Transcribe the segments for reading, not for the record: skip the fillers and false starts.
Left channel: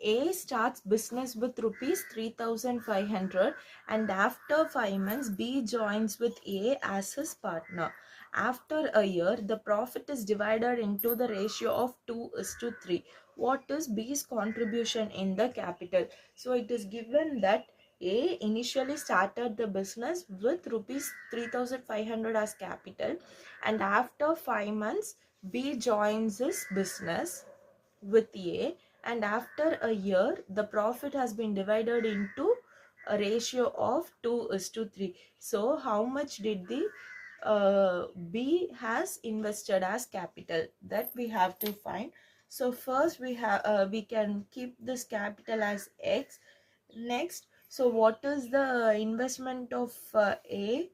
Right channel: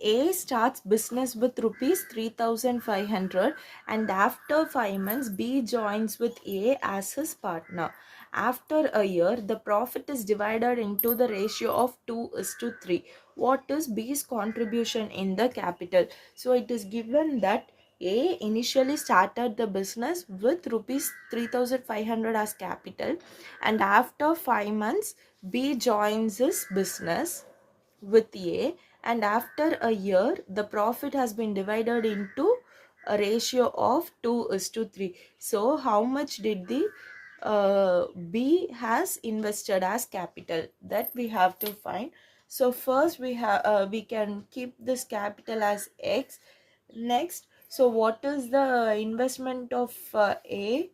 A starts business with rupees 3,500 and after 5 months B joins with A as his partner. After a year, the profit is divided into the ratio of 2:3. What is B's contribution in the capital? So it is given that A initially started the business with rupees 3,500 as capital and after 5 months B joins his business with A, and after a year the profit has been divided into a ratio of 2:3. So how much did the B has invested as capital, that we have to find. So first we can keep this capital as X. Next, so what is the investment of A?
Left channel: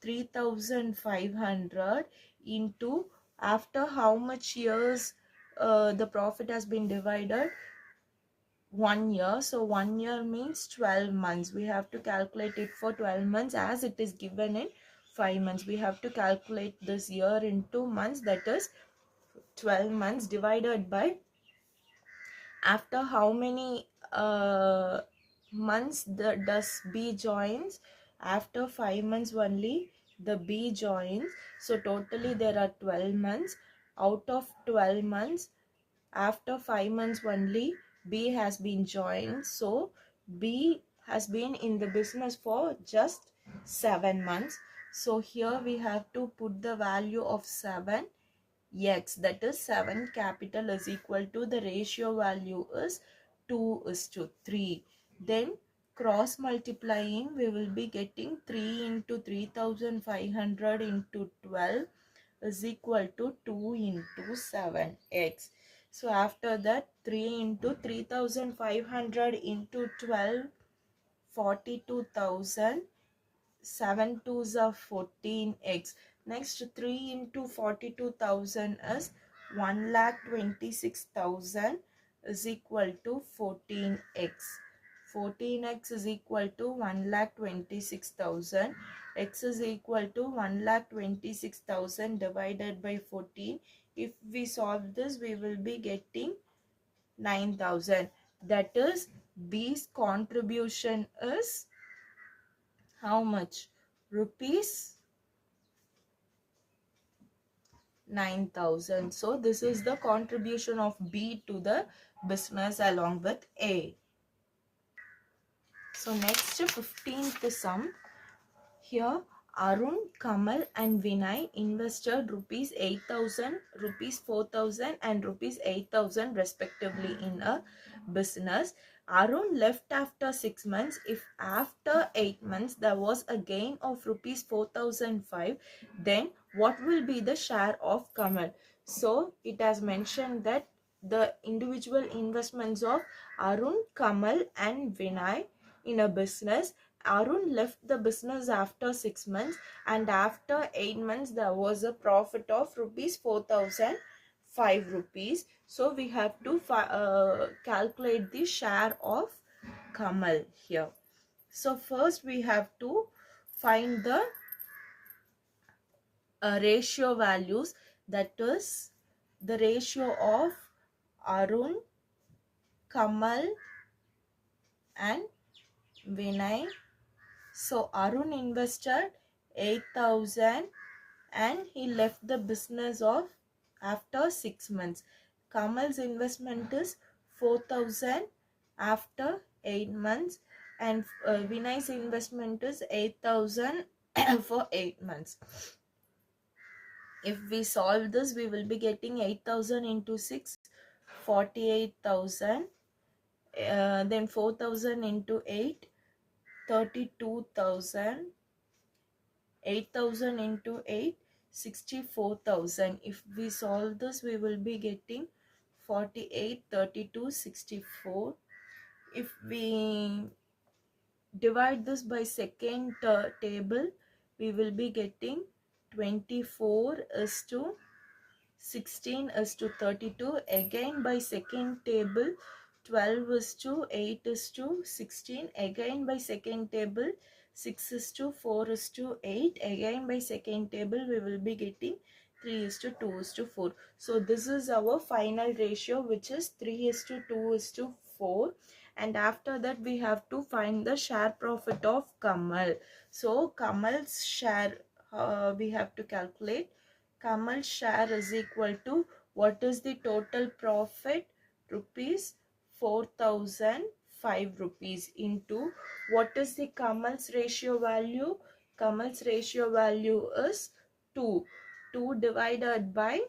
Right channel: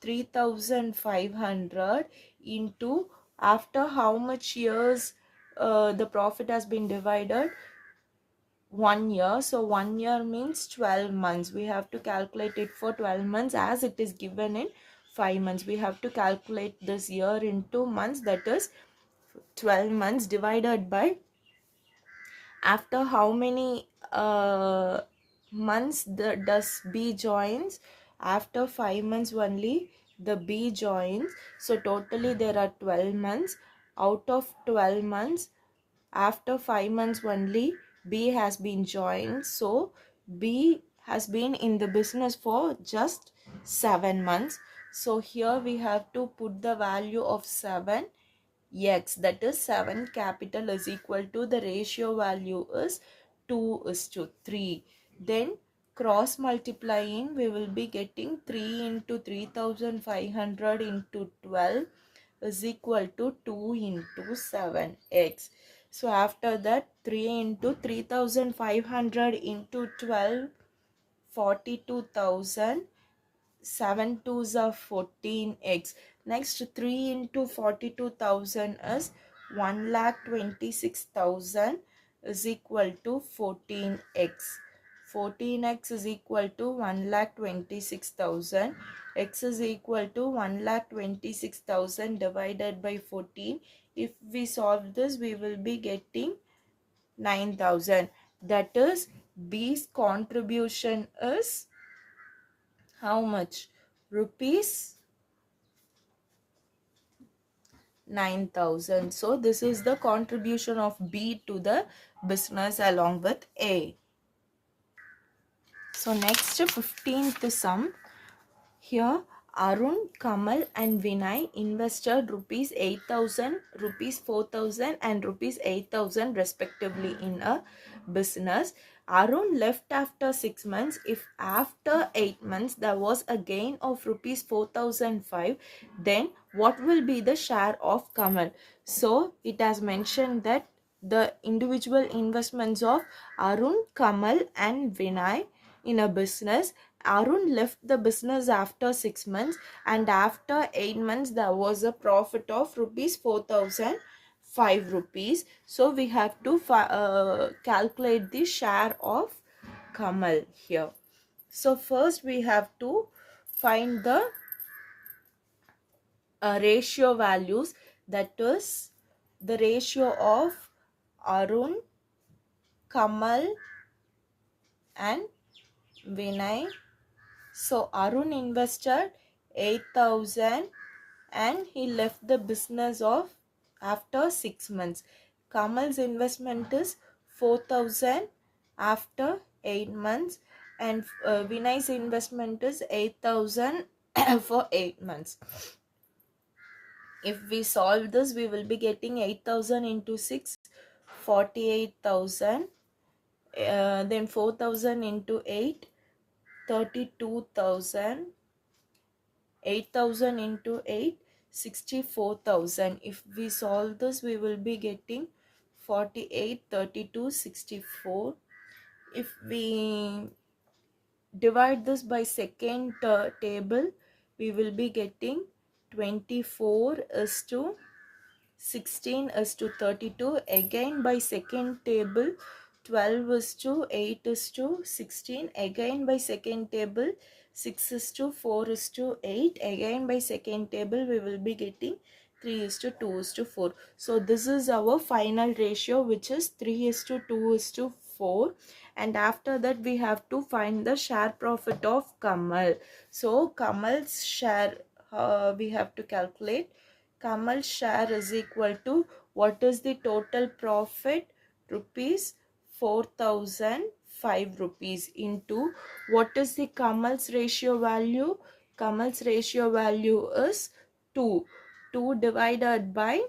3,500 into after how much years the profit has been divided? 1 year. So 1 year means 12 months. We have to calculate it for 12 months as it is given in 5 months. We have to calculate this year into months, that is 12 months divided by after how many months does B joins? After 5 months only the B joins. So totally there are 12 months. Out of 12 months, after 5 months only B has been joined. So B has been in the business for just 7 months. So here we have to put the value of 7 X, that is 7 capital is equal to the ratio value is 2:3. Then cross multiplying, we will be getting 3 into 3,500 into 12 is equal to 2 into 7x. So after that 3 into 3,500 into 12, 42,000. 7 twos are 14x. Next 3 into 42,000 is 1,26,000 is equal to 14x. 14x is equal to 1,26,000. X is equal to 1,26,000 divided by 14. If we solve this, we will be getting 9,000. That is, B's contribution is how much? Rupees 9,000. So this is the contribution of B to the business along with A. So next 15th sum. Here Arun, Kamal and Vinay invested rupees 8,000, rupees 4,000 and rupees 8,000 respectively in a business. Arun left after 6 months. If after 8 months there was a gain of rupees 4,005, then what will be the share of Kamal? So it has mentioned that the individual investments of Arun, Kamal and Vinay in a business. Arun left the business after 6 months and after 8 months there was a profit of rupees 4,005 rupees. So we have to calculate the share of Kamal here. So first we have to find the ratio values, that is the ratio of Arun, Kamal and Vinay. So Arun invested 8,000 and he left the business of after 6 months. Kamal's investment is 4,000 after 8 months and Vinay's investment is 8,000 for 8 months. If we solve this, we will be getting 8,000 into 6, 48,000. Then 4,000 into 8, 32,000. 8,000 into 8, 64,000. If we solve this, we will be getting 48, 32, 64. If we divide this by second table, we will be getting 24 is to 16 is to 32. Again by second table, 12 is to 8 is to 16. Again by second table, 6 is to 4 is to 8. Again by second table, we will be getting 3 is to 2 is to 4. So this is our final ratio, which is 3 is to 2 is to 4, and after that we have to find the share profit of Kamal. So Kamal's share, we have to calculate. Kamal's share is equal to, what is the total profit? Rupees 4005 rupees into, what is the Kamal's ratio value? Kamal's ratio value is 2. 2 divided by,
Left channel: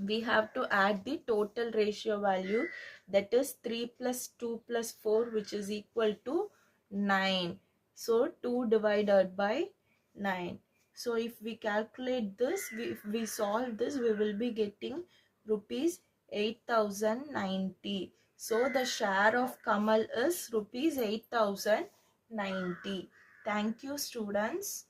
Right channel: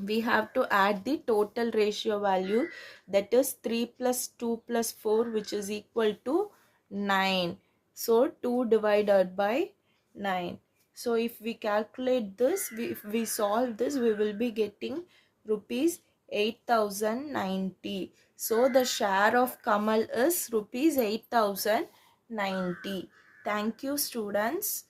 we have to add the total ratio value, that is 3 plus 2 plus 4, which is equal to 9. So 2 divided by 9. So if we calculate this, if we solve this, we will be getting rupees 8090. So the share of Kamal is rupees 8090. Thank you, students.